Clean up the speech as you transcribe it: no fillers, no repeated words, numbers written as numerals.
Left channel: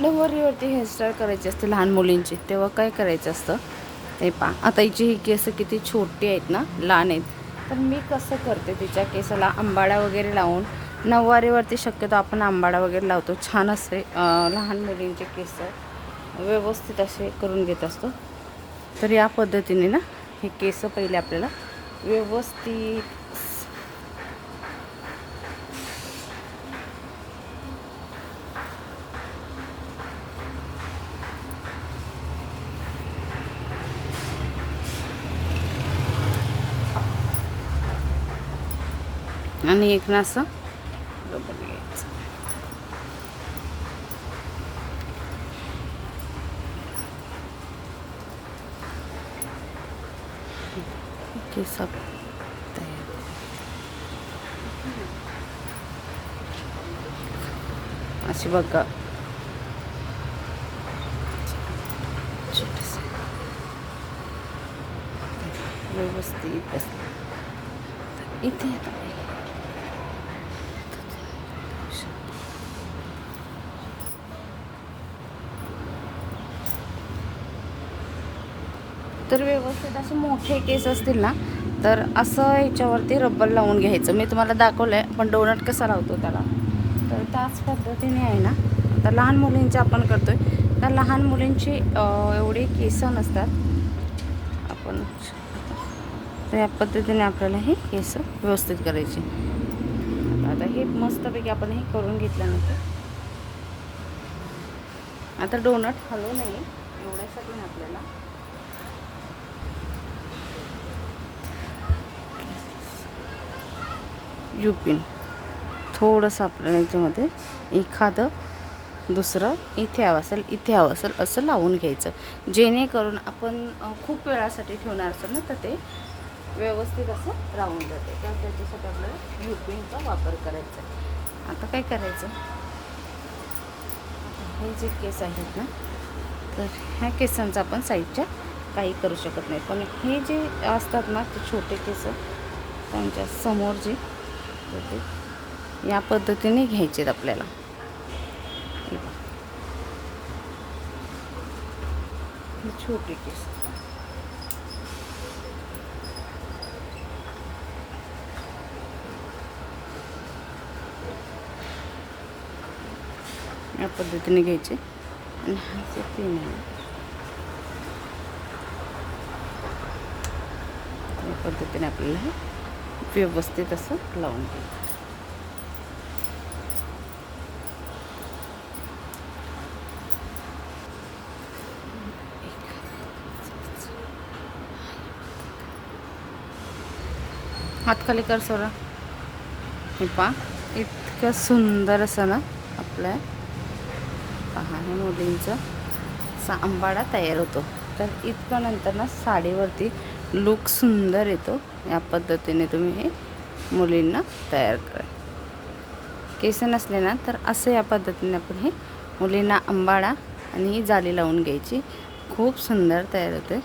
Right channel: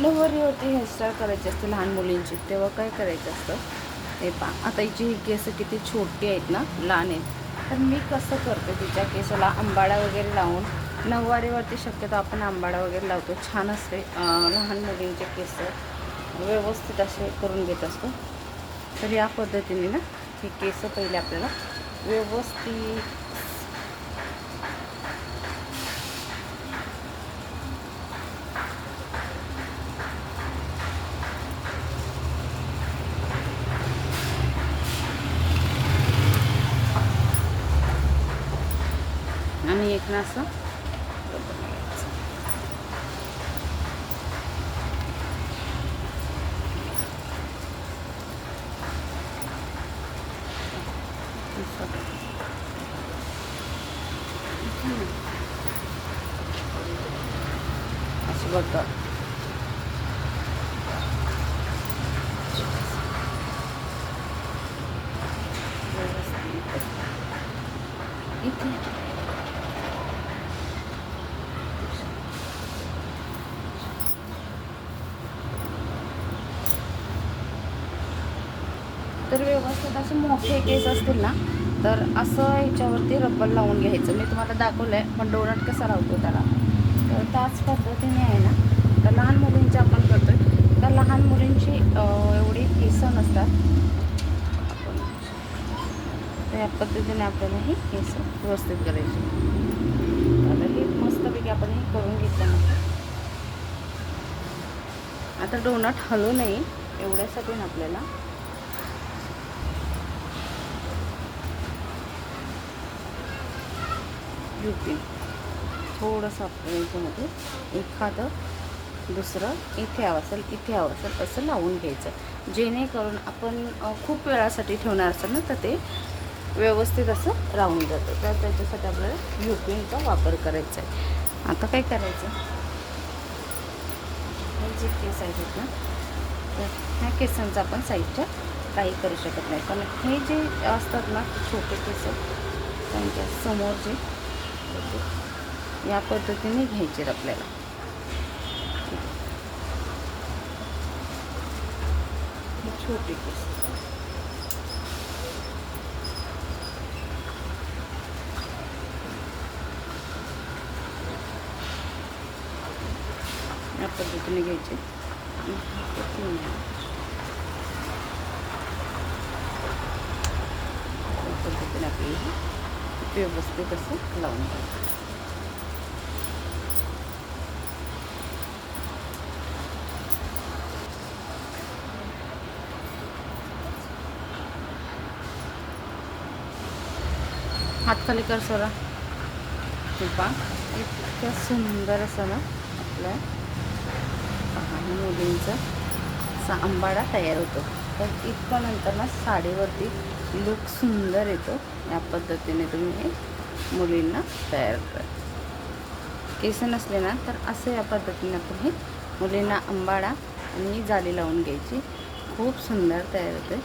नऊवारीवरती hairstyle करायची असते लहान मुलींची, तेव्हा काय करायचं असतं ते पहा. आता हिची ही केस किती छोटी आहेत ना, लहान आहेत. तर मी कसं करते, तिच्या केसाला आंबाडा वगैरे लावून, नऊवारीवरती शक्यतो आपण आंबाडा वगैरे लावतो, छान असे लहान मुलींचे केस व्यवस्थित असे करून घेत असतो. तर या पद्धतीने ना हे केस पहिले आपल्याला व्यवस्थित आणि एक ना असं अशी बघा व्यवस्थित इथे तर व्यवस्थित असे मोठे केस असतील ना, तर असं ह्याच्यावरती रबर लावून घ्यायचं. मी तुम्हाला दाखवलं आहे, पण डोनट कसा लावतो त्याला, तर त्याच पद्धतीने आहे ना. तर लहान मुलींची आपण करतो आहे, तर लहान मुलींची एवढी केस नसतात. आपण तर या पद्धतीने आपल्याला हे केस व्यवस्थित करायचे. आता हे मस्तपैकी आपण हे करून घेतल्यानंतर आता डोनट हलवू नये एवढ्यासाठी ना आपल्याला युपिन थोडंसं आपल्याला याच्यामध्ये एखादं दुसरं इथे हवं असेल असं लावून घ्यायचं, जेणेकरून आपण खूप वेळासाठी ठेवणार असेल ना, तर ते व्यवस्थित असं राहून जातं. तर त्याच्यासाठी आपल्याला युपिनचा वापर करायचा आहे. आता काय करायचं, हे जे केस आहेत ना, तर ह्या केसांचं आपण साईडच्या काही करू शकत नाही, पण हे जे असतात ना ते छोटे केस त्यांच्या समोर जे या पद्धतीने घ्यायचे आपल्याला. हे छोटे केस या पद्धतीने घ्यायचे या पद्धतीने आपल्याला हे व्यवस्थित असं लावून घ्यायचं. हात खाली कर सोडा. हे पहा इतकं सुंदर असं ना आपल्या लहान मुलींचा असा आंबाडा तयार होतो. तर इतकं नंतर ना साडीवरती लूक सुंदर येतो. या पद्धतीने तुम्ही हे मुलींना तयार करा. केस नसले ना तर असं या पद्धतीने आपण हे मुलींना आंबाडा आणि ही जाली लावून घ्यायची. खूप सुंदर तयार होते.